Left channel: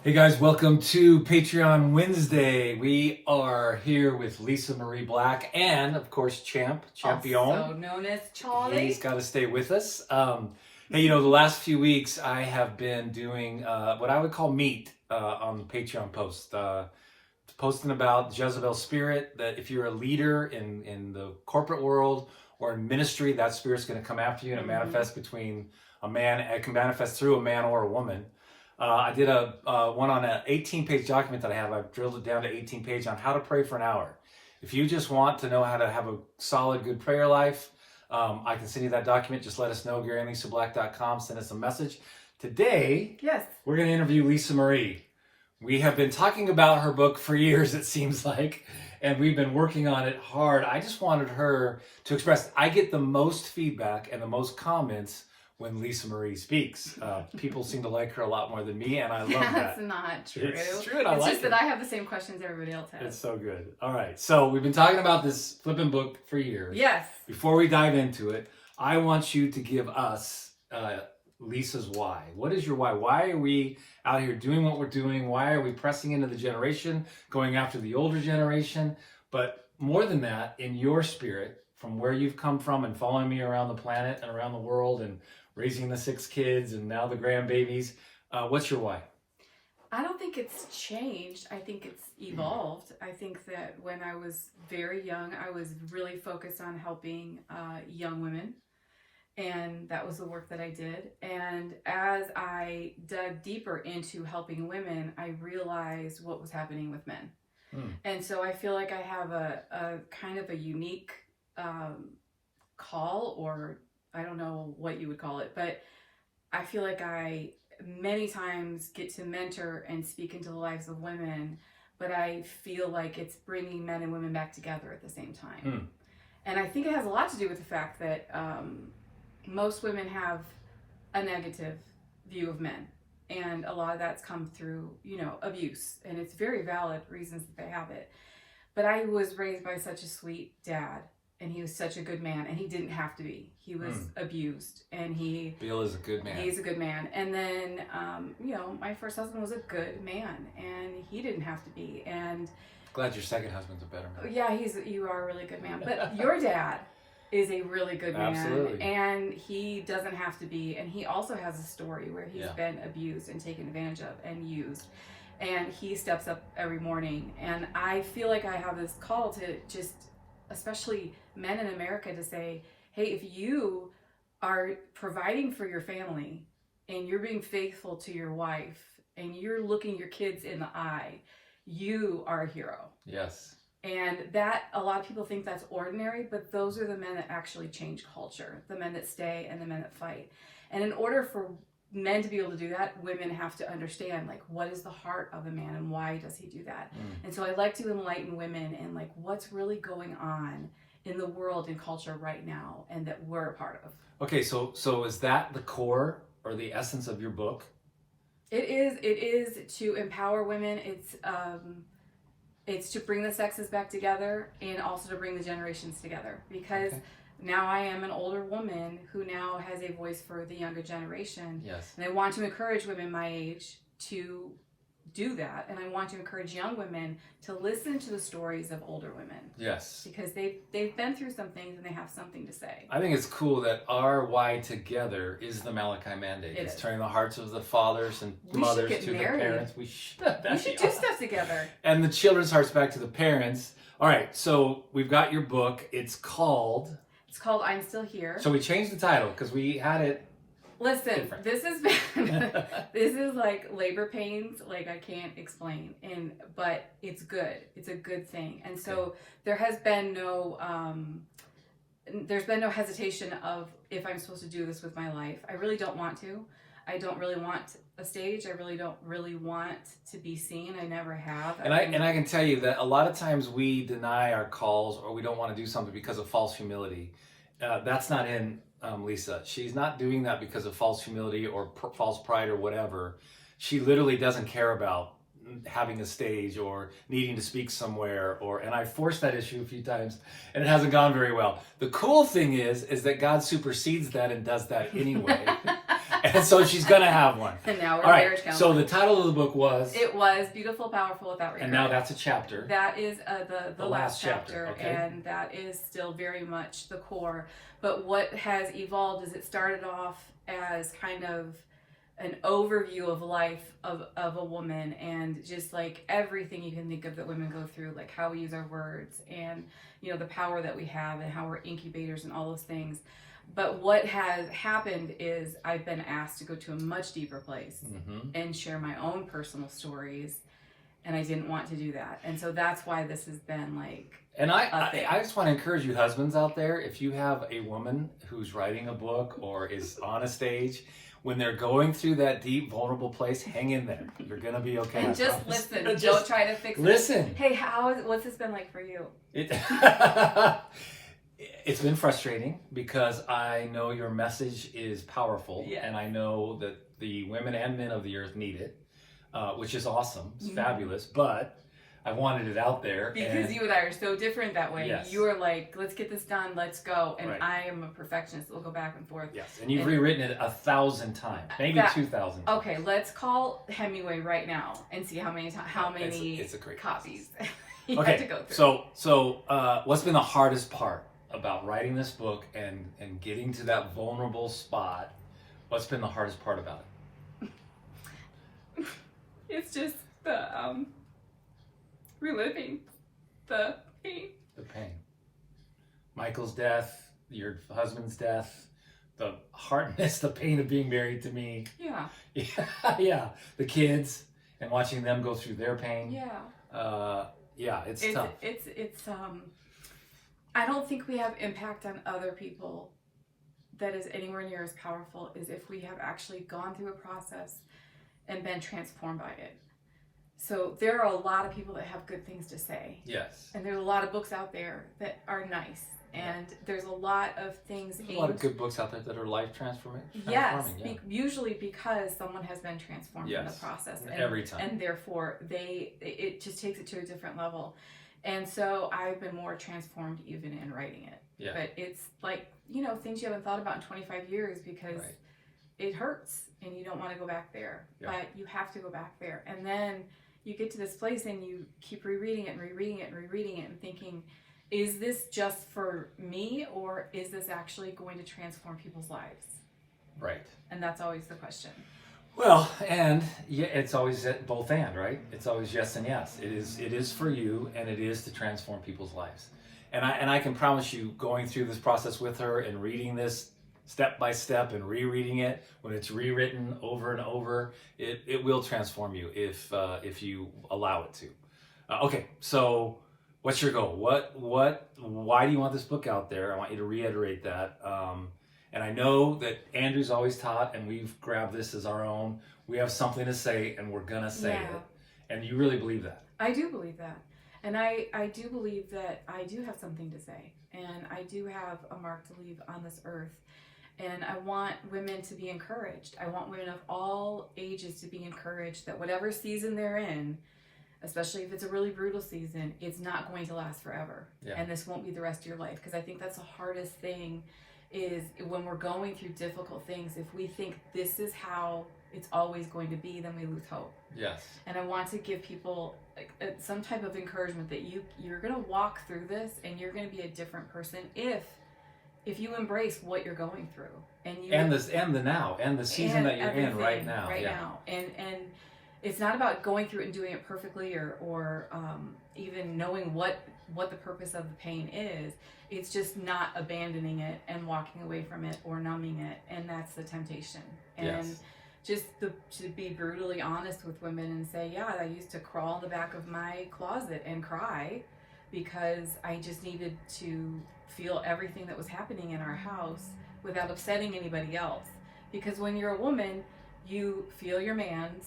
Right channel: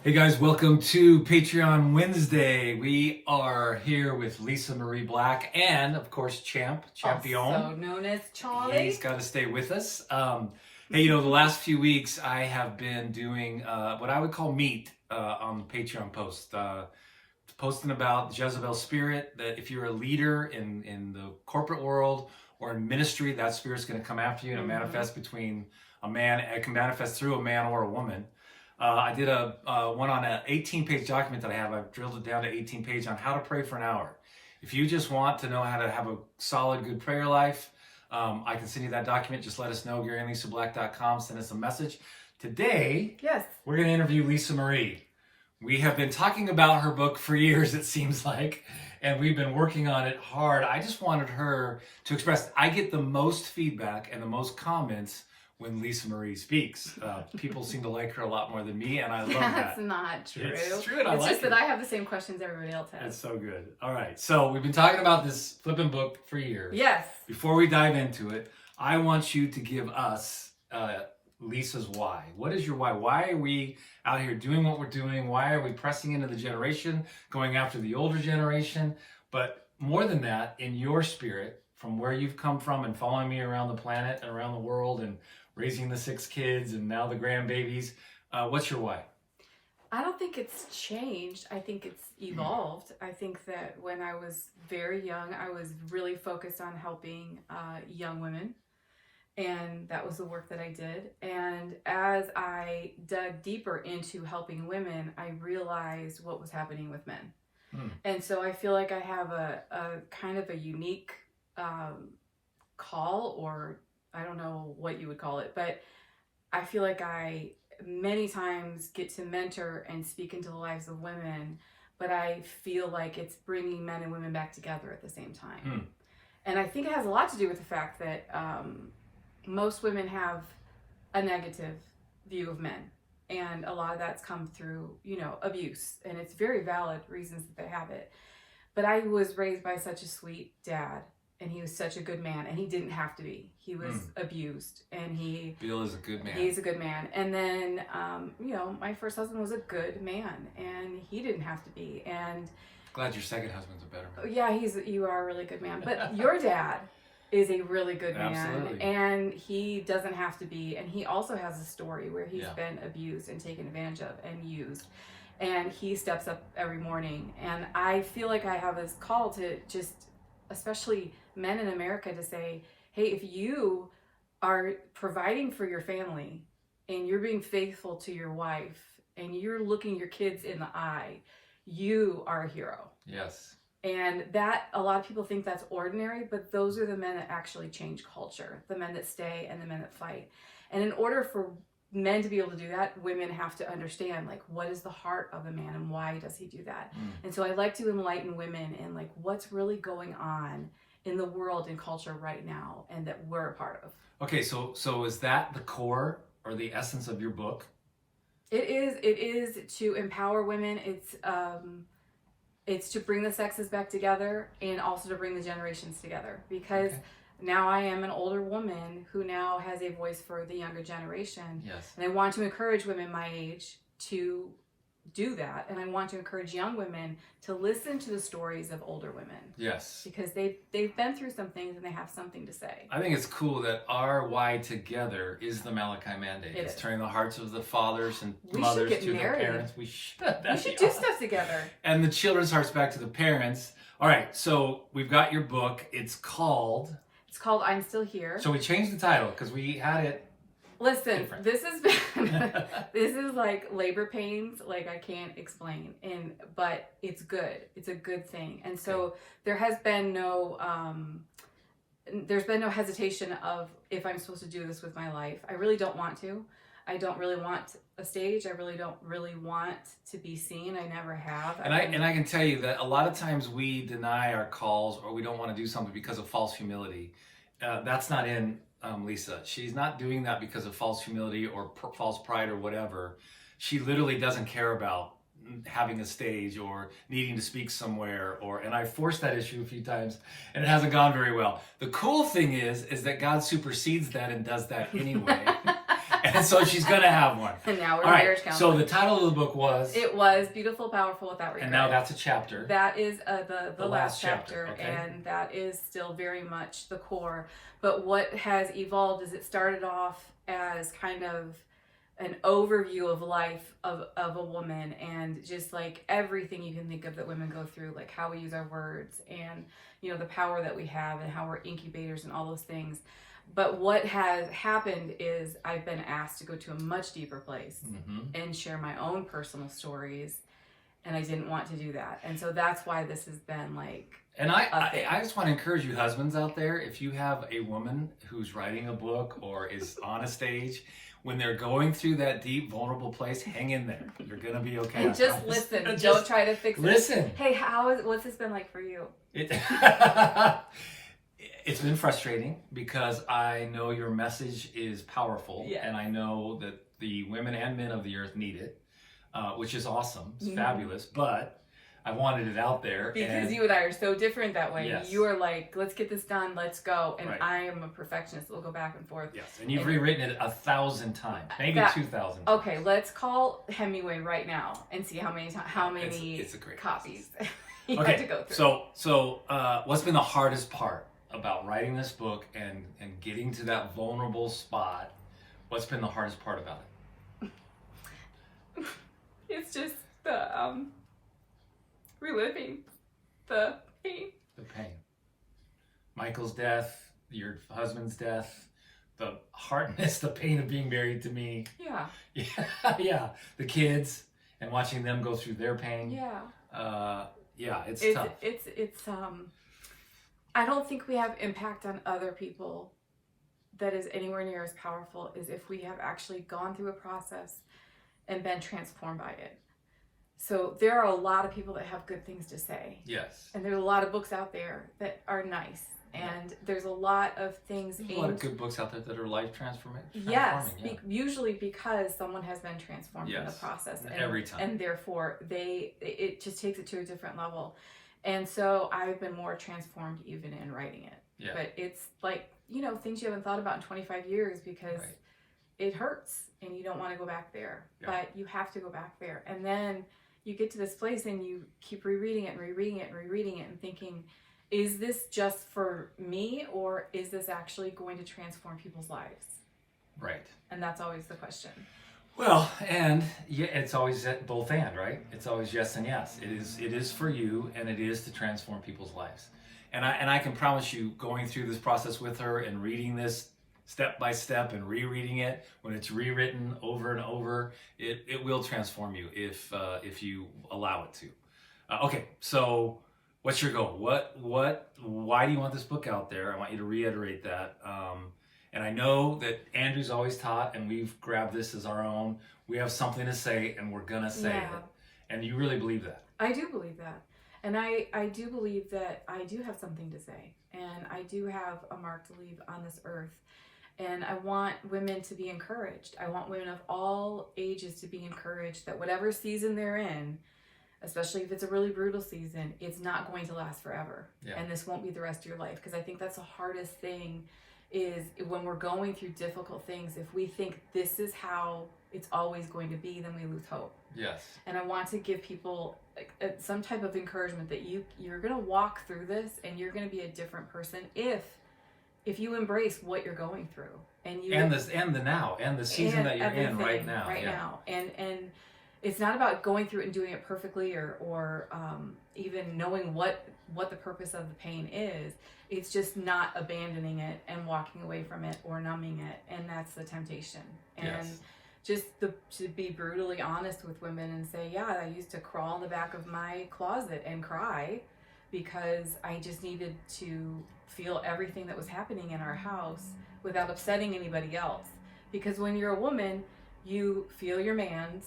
Hey guys, welcome to Patreon Wednesday. We are here with Lisa Marie Black and, of course, Champion. Also known as Charlie. He's got to stay with us. Hey, the last few weeks I have been doing what I would call meat on the Patreon post. Posting about Jezebel spirit, that if you're a leader in the corporate world or in ministry, that spirit's going to come after you, and it manifests between a man. It can manifest through a man or a woman. I did a one on an 18-page document that I have. I've drilled it down to 18 pages on how to pray for an hour. If you just want to know how to have a solid, good prayer life, I can send you that document. Just let us know, GaryandLisaBlack.com. Send us a message. Today, Yes. we're going to interview Lisa Marie. We have been talking about her book for years, it seems like, and we've been working on it hard. I just wanted her to express. I get the most feedback and the most comments when Lisa Marie speaks. People seem to like her a lot more than me, and I love that. That's not true. It's true, and I like It's just that I have the same questions everybody else has. It's so good. All right, so we've been talking about this flipping book for years. Yes. Before we dive into it, I want you to give us Lisa's why. What is your why? Why are we out here doing what we're doing? Why are we pressing into the generation, going after the older generation? But more than that, in your spirit, from where you've come from and following me around the planet and around the world and raising the 6 kids and now the grandbabies, what's your why? I don't think it's changed. I think it's evolved. I think that when I was very young, I was really focused on helping young women. And that was the work that I did. And as I dug deeper into helping women, I realized what was happening with men. And so I feel like I have a kind of a unique call, or I don't know what you would call it, but I feel like I many times get to mentor and speak into the lives of women, but I feel like it's bringing men and women back together at the same time. And I think it has a lot to do with the fact that most women have a negative view of men, and a lot of that's come through, abuse, and it's very valid reasons that they have it. But I was raised by such a sweet dad, and he was such a good man, and he didn't have to be. He was abused, and Bill is a good man. He's a good man. And then, my first husband was a good man, and he didn't have to be. And glad your second husband's a better man. yeah, you are a really good man. But your dad is a really good man. Absolutely. And he doesn't have to be. And he also has a story where he's been abused and taken advantage of and used. And he steps up every morning. And I feel like I have this call to just, especially men in America, to say, hey, if you are providing for your family and you're being faithful to your wife and you're looking your kids in the eye, you are a hero. Yes. And that, a lot of people think that's ordinary, but those are the men that actually change culture, the men that stay and the men that fight. And in order for men to be able to do that, women have to understand, like, what is the heart of a man and why does he do that? And so I like to enlighten women in, like, what's really going on in the world and culture right now, and that we're a part of. Okay, so is that the core or the essence of your book? It is to empower women. It's to bring the sexes back together, and also to bring the generations together, because now I am an older woman who now has a voice for the younger generation. Yes. And I want to encourage women my age to do that. And I want to encourage young women to listen to the stories of older women. Yes. Because they've been through some things and they have something to say. I think it's cool that our why together is the Malachi Mandate. It's turning the hearts of the fathers and mothers to their parents. We should do stuff together. And the children's hearts back to the parents. All right, so we've got your book. It's called I'm Still Here. So we changed the title because we had it. Listen, different. this is like labor pains, like I can't explain, but it's good. It's a good thing. And so there has been there's been no hesitation of if I'm supposed to do this with my life. I really don't want to. I don't really want a stage. I really don't really want to be seen. I never have. And I can tell you that a lot of times we deny our calls, or we don't want to do something because of false humility. That's not in Lisa. She's not doing that because of false humility or false pride or whatever. She literally doesn't care about having a stage or needing to speak somewhere, and I forced that issue a few times and it hasn't gone very well. The cool thing is that God supersedes that and does that anyway. And so she's going to have one. And now we're All right. marriage So counseling. the title of the book was? It was Beautiful, Powerful, Without Regret. And now that's a chapter. That is the last last chapter, chapter, okay. and that is still very much the core. But what has evolved is it started off as kind of an overview of life of a woman, and just like everything you can think of that women go through, like how we use our words, and you know, the power that we have, and how we're incubators and all those things. But what has happened is I've been asked to go to a much deeper place and share my own personal stories, and I didn't want to do that. And so that's why this has been like. And I just want to encourage you husbands out there, if you have a woman who's writing a book or is on a stage, when they're going through that deep, vulnerable place, hang in there. You're going to be okay. And just listen. Just Don't try to fix it. listen. Hey, what's this been like for you? It's been frustrating because I know your message is powerful, Yeah. and I know that the women and men of the earth need it, which is awesome. It's Mhm. fabulous, but I wanted it out there. Because you and I are so different that way. Yes. You are like, let's get this done, let's go. And Right. I am a perfectionist. We'll go back and forth. Yes, and you've rewritten it 1,000 times, maybe That- 2,000. Okay, let's call Hemingway right now and see how many It's a great copies he had to Okay, go through. so what's been the hardest part about writing this book and getting to that vulnerable spot? What's been the hardest part about it? It's just the reliving the pain. The pain. Michael's death, your husband's death, the hardness, the pain of being married to me. Yeah. Yeah. The kids and watching them go through their pain. Yeah. Yeah, it's tough. It's I don't think we have impact on other people that is anywhere near as powerful as if we have actually gone through a process and been transformed by it. So there are a lot of people that have good things to say. Yes. And there's a lot of books out there that are nice. And there's a lot of things. There's a lot of good books out there that are life transforming. Yes, Yeah. usually because someone has been transformed in the Yes. process. And, Every time. And therefore, it just takes it to a different level. And so I've been more transformed even in writing it. Yeah. But it's like, you know, things you haven't thought about in 25 years because Right. it hurts and you don't want to go back there. Yeah. But you have to go back there. And then you get to this place and you keep rereading it and rereading it and rereading it and thinking, is this just for me, or is this actually going to transform people's lives? Right. And that's always the question. Well, and yeah, it's always both and, right? It's always yes and yes. It is for you, and it is to transform people's lives. And I can promise you, going through this process with her and reading this step by step and rereading it when it's rewritten over and over, it will transform you if you allow it to. Okay, so what's your goal? Why do you want this book out there? I want you to reiterate that. And I know that Andrew's always taught, and we've grabbed this as our own. We have something to say, and we're gonna say it. And you really believe that? I do believe that. And I do believe that I do have something to say. And I do have a mark to leave on this earth. And I want women to be encouraged. I want women of all ages to be encouraged that whatever season they're in, especially if it's a really brutal season, it's not going to last forever. Yeah. And this won't be the rest of your life. Because I think that's the hardest thing is when we're going through difficult things, if we think this is how it's always going to be, then we lose hope. Yes. And I want to give people some type of encouragement that you're going to walk through this and you're going to be a different person if you embrace what you're going through. And the season that you're in right now. And it's not about going through it and doing it perfectly or even knowing what the purpose of the pain is. It's just not abandoning it and walking away from it or numbing it. And that's the temptation. And just to be brutally honest with women and say, yeah, I used to crawl in the back of my closet and cry because I just needed to feel everything that was happening in our house without upsetting anybody else. Because when you're a woman, you feel your man's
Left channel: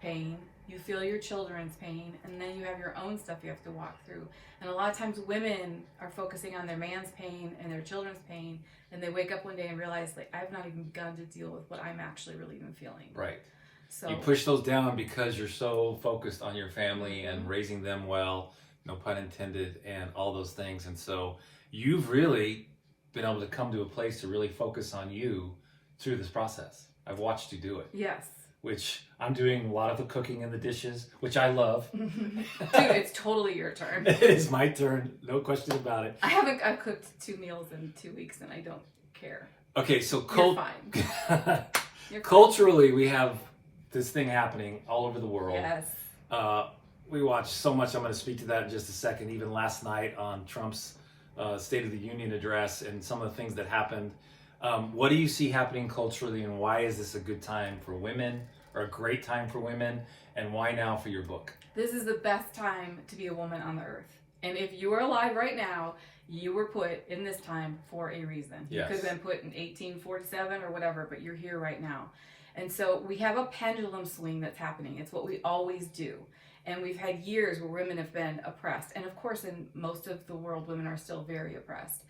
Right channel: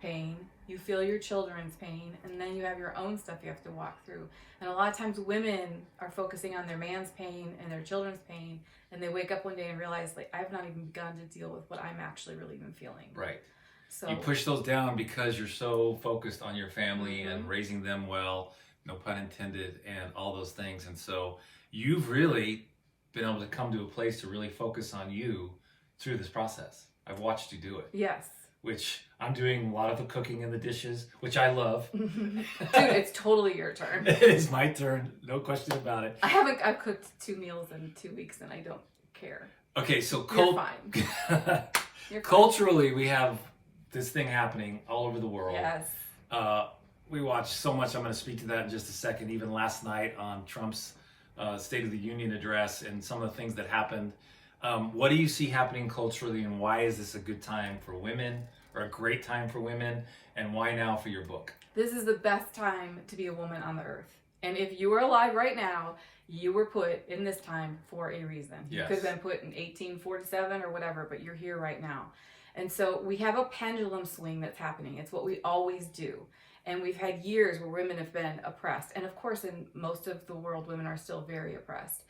pain, you feel your children's pain, and then you have your own stuff you have to walk through. And a lot of times women are focusing on their man's pain and their children's pain, and they wake up one day and realize, like, I've not even begun to deal with what I'm actually really even feeling. Right. So you push those down because you're so focused on your family and raising them well, no pun intended, and all those things. And so you've really been able to come to a place to really focus on you through this process. I've watched you do it, Yes. which I'm doing a lot of the cooking and the dishes, which I love. Dude, it's totally your turn. It is my turn, no question about it. I've cooked 2 meals in 2 weeks and I don't care. Okay, so You're fine. You're fine. culturally, we have this thing happening all over the world. Yes. We watch so much. I'm going to speak to that in just a second. Even last night on Trump's State of the Union address and some of the things that happened. What do you see happening culturally, and why is this a good time for women, or a great time for women, and why now for your book? This is the best time to be a woman on the earth. And if you are alive right now, you were put in this time for a reason. You Yes. could have been put in 1847 or whatever, but you're here right now. And so we have a pendulum swing that's happening. It's what we always do. And we've had years where women have been oppressed. And of course, in most of the world, women are still very oppressed.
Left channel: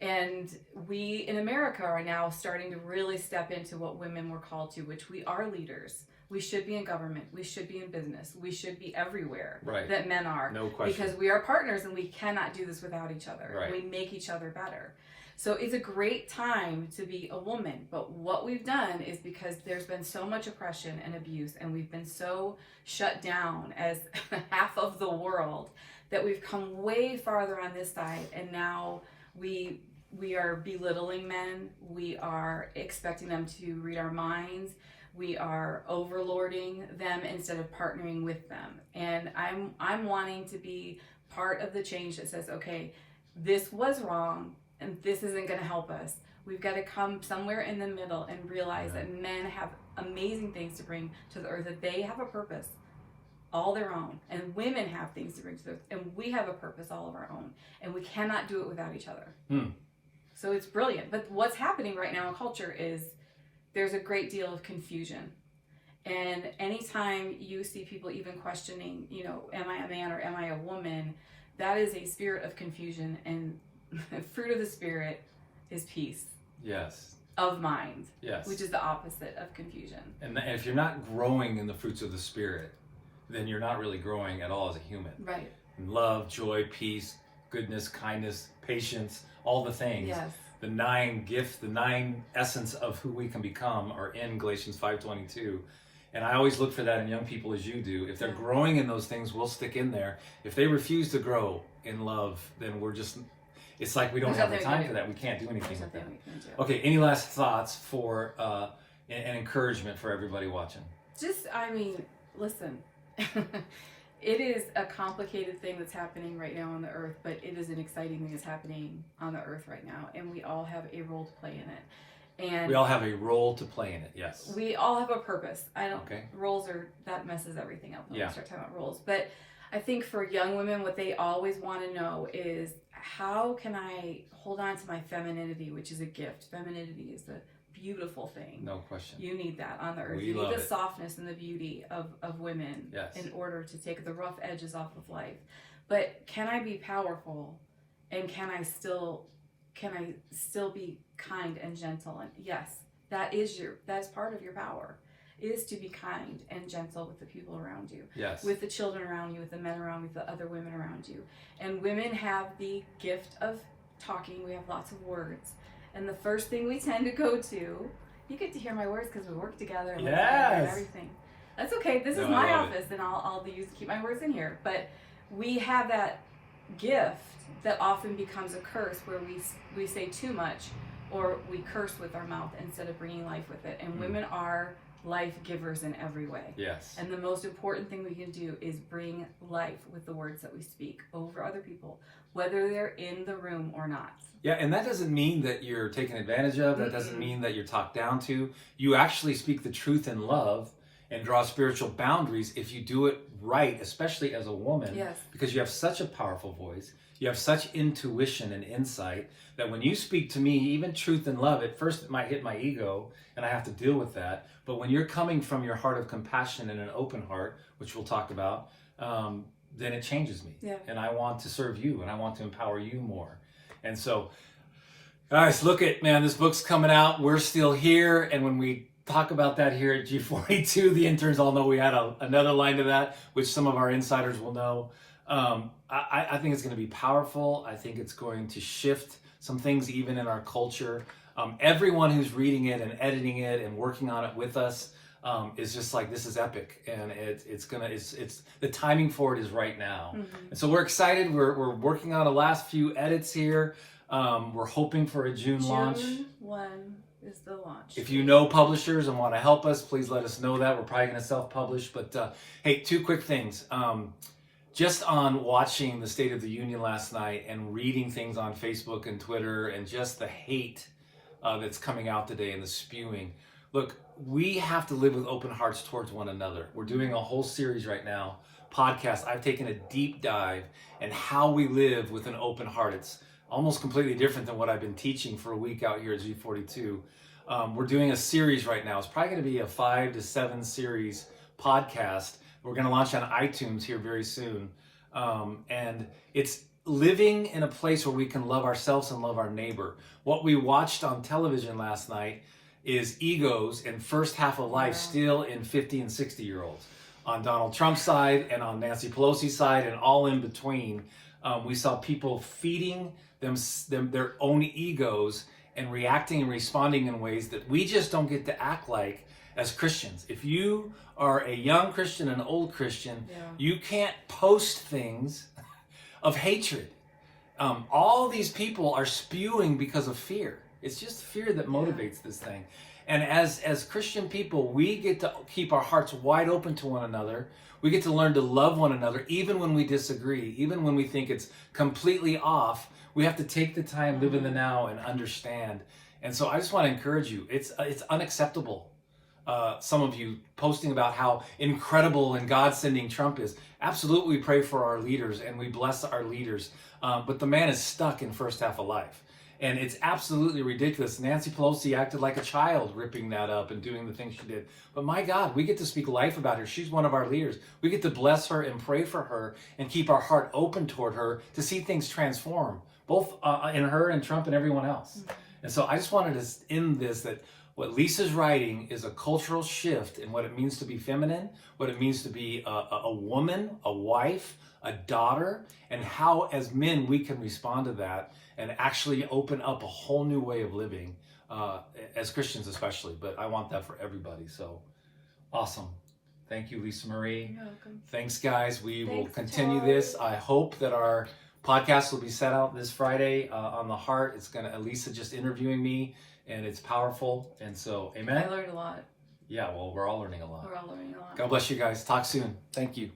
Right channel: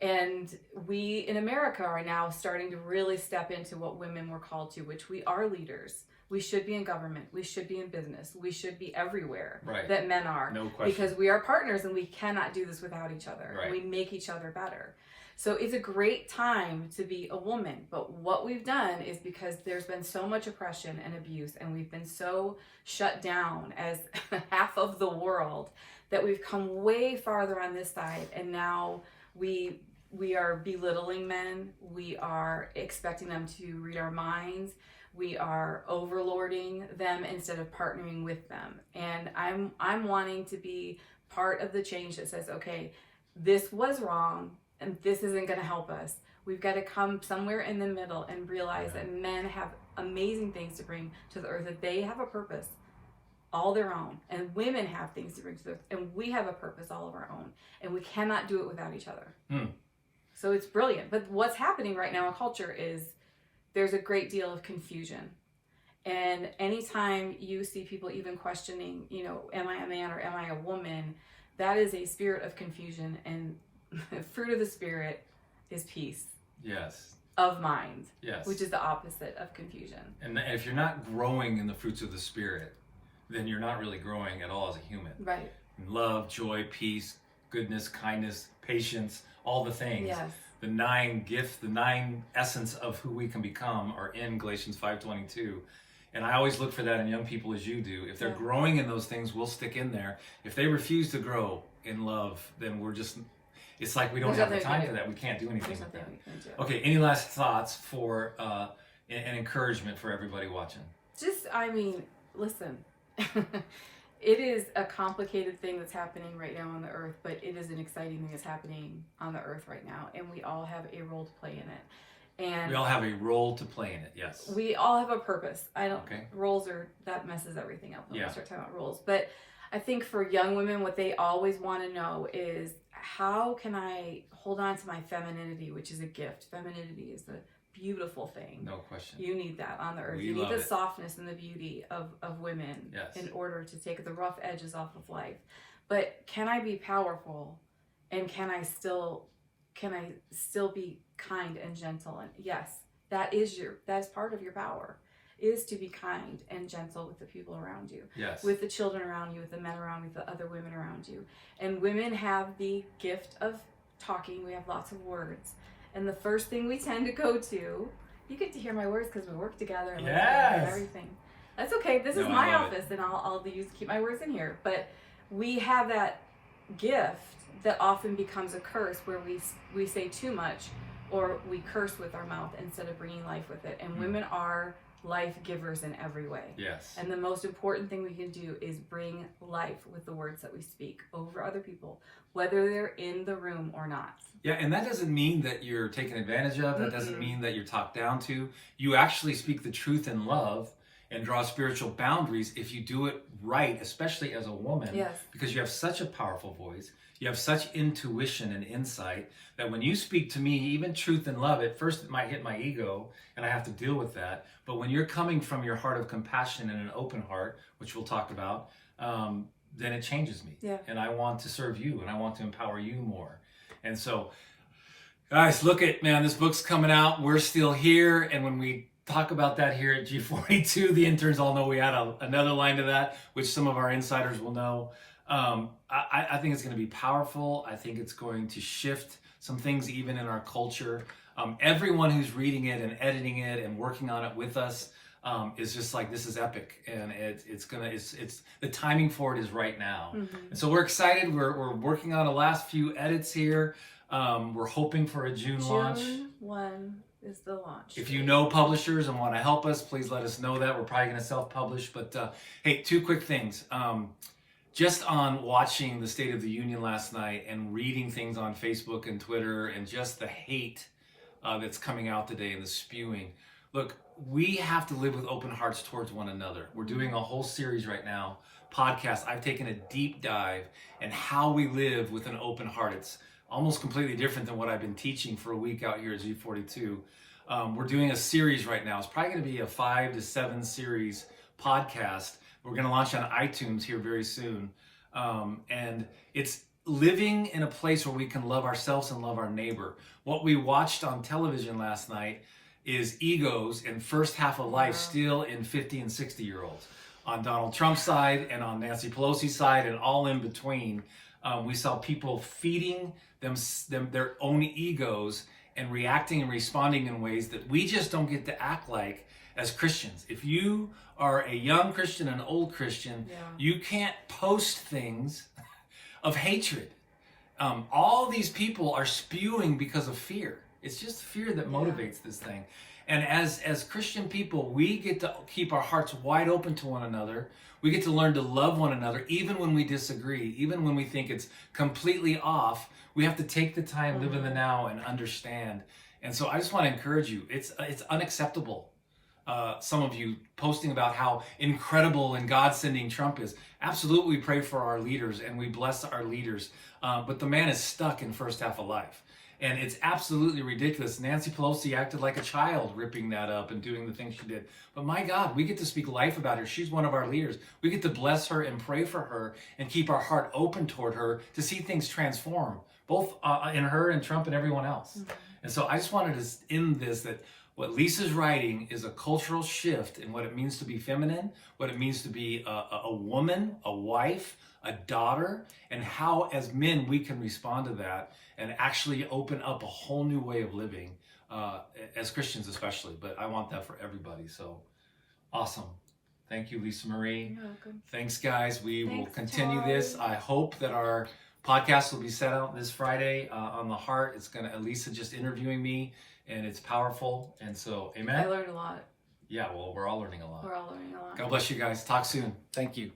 And we in America are now starting to really step into what women were called to, which we are leaders. We should be in government. We should be in business. We should be everywhere Right. that men are. No question. Because we are partners and we cannot do this without each other. Right. We make each other better. So it's a great time to be a woman. But what we've done is, because there's been so much oppression and abuse, and we've been so shut down as half of the world, that we've come way farther on this side, and now we are belittling men. We are expecting them to read our minds. We are overlording them instead of partnering with them. And I'm wanting to be part of the change that says, okay, this was wrong and this isn't going to help us. We've got to come somewhere in the middle and realize that men have amazing things to bring to the earth, that they have a purpose all their own, and women have things to bring to the earth, and we have a purpose all of our own, and we cannot do it without each other. So it's brilliant. But what's happening right now in culture is there's a great deal of confusion. And anytime you see people even questioning, am I a man or am I a woman, that is a spirit of confusion. And fruit of the Spirit is peace Yes. of mind, Yes. which is the opposite of confusion. And if you're not growing in the fruits of the Spirit, then you're not really growing at all as a human. Right. Love, joy, peace, goodness, kindness, patience, all the things. Yes. The 9 gifts, the 9 essence of who we can become are in Galatians 5:22. And I always look for that in young people, as you do. If they're growing in those things, we'll stick in there. If they refuse to grow in love, then it's like we don't There's have the nothing time we for can that. We can't do anything There's with nothing that. we can do. Okay, any last thoughts for an encouragement for everybody watching? Listen, it is a complicated thing that's happening right now on the earth, but it is an exciting thing that's happening on the earth right now, and we all have a role to play in it. And We all have a role to play in it, yes. we all have a purpose. Okay. Roles that messes everything up when Yeah. we start talking about roles. But I think for young women, what they always want to know is, how can I hold on to my femininity, which is a gift. Femininity is a beautiful thing. No question. You need that on the earth. We You love need the it. softness and the beauty of women Yes. in order to take the rough edges off of life. But can I be powerful, and can I still be kind and gentle? And yes, that's part of your power, is to be kind and gentle with the people around you, Yes. with the children around you, with the men around you, with the other women around you. And women have the gift of talking. We have lots of words. And the first thing we tend to go to, you get to hear my words because we work together and Yes. everything. That's okay. This No, is I my love it. office, and I'll keep my words in here. But we have that gift that often becomes a curse, where we say too much, or we curse with our mouth instead of bringing life with it. And women are life givers in every way. Yes. And the most important thing we can do is bring life with the words that we speak over other people, whether they're in the room or not. Yeah, and that doesn't mean that you're taken advantage of. That doesn't mean that you're talked down to. You actually speak the truth in love and draw spiritual boundaries if you do it right, especially as a woman, Yes. because you have such a powerful voice. You have such intuition and insight that when you speak to me, even truth and love, at first it might hit my ego and I have to deal with that. But when you're coming from your heart of compassion and an open heart, which we'll talk about, then it changes me. Yeah. And I want to serve you and I want to empower you more. And so, guys, man, this book's coming out. We're still here. And when we talk about that here at G42, the interns all know we had another line to that, which some of our insiders will know. I think it's going to be powerful. I think it's going to shift some things even in our culture. Everyone who's reading it and editing it and working on it with us is just like, this is epic, and it's the timing for it is right now. And so we're excited. We're working on the last few edits here. We're hoping for a June launch. June 1 is the launch. If you know publishers and want to help us, please let us know that. We're probably going to self-publish. But hey, two quick things. Just on watching the State of the Union last night and reading things on Facebook and Twitter and just the hate that's coming out today and the spewing. Look, we have to live with open hearts towards one another. We're doing a whole series right now, podcast. I've taken a deep dive in how we live with an open heart. It's almost completely different than what I've been teaching for a week out here at G42. We're doing a series right now. It's probably going to be a 5 to 7 series podcast. We're going to launch on iTunes here very soon. And it's living in a place where we can love ourselves and love our neighbor. What we watched on television last night is egos and first half of life still in 50 and 60-year-olds. On Donald Trump's side and on Nancy Pelosi's side and all in between, we saw people feeding them their own egos and reacting and responding in ways that we just don't get to act like as Christians. If you are a young Christian, an old Christian, you can't post things of hatred. All these people are spewing because of fear. It's just fear that motivates this thing. And as Christian people, we get to keep our hearts wide open to one another. We get to learn to love one another, even when we disagree, even when we think it's completely off. We have to take the time, live in the now, and understand. And so I just want to encourage you. It's unacceptable. Some of you posting about how incredible and God-sending Trump is. Absolutely, we pray for our leaders and we bless our leaders. But the man is stuck in first half of life. And it's absolutely ridiculous. Nancy Pelosi acted like a child ripping that up and doing the things she did. But my God, we get to speak life about her. She's one of our leaders. We get to bless her and pray for her and keep our heart open toward her to see things transform, both in her and Trump and everyone else. And so I just wanted to end this, that what Lisa's writing is a cultural shift in what it means to be feminine, what it means to be a woman, a wife, a daughter, and how as men we can respond to that and actually open up a whole new way of living, as Christians especially. But I want that for everybody. So awesome. Thank you, Lisa Marie. You're welcome. Thanks, guys. We will Thanks, continue Tori. this. I hope that our podcast will be set out this Friday on the heart. It's going to, Lisa just interviewing me, and it's powerful. And so, amen. I learned a lot. Yeah, well, we're all learning a lot. We're all learning a lot. God bless you guys. Talk soon. Thank you.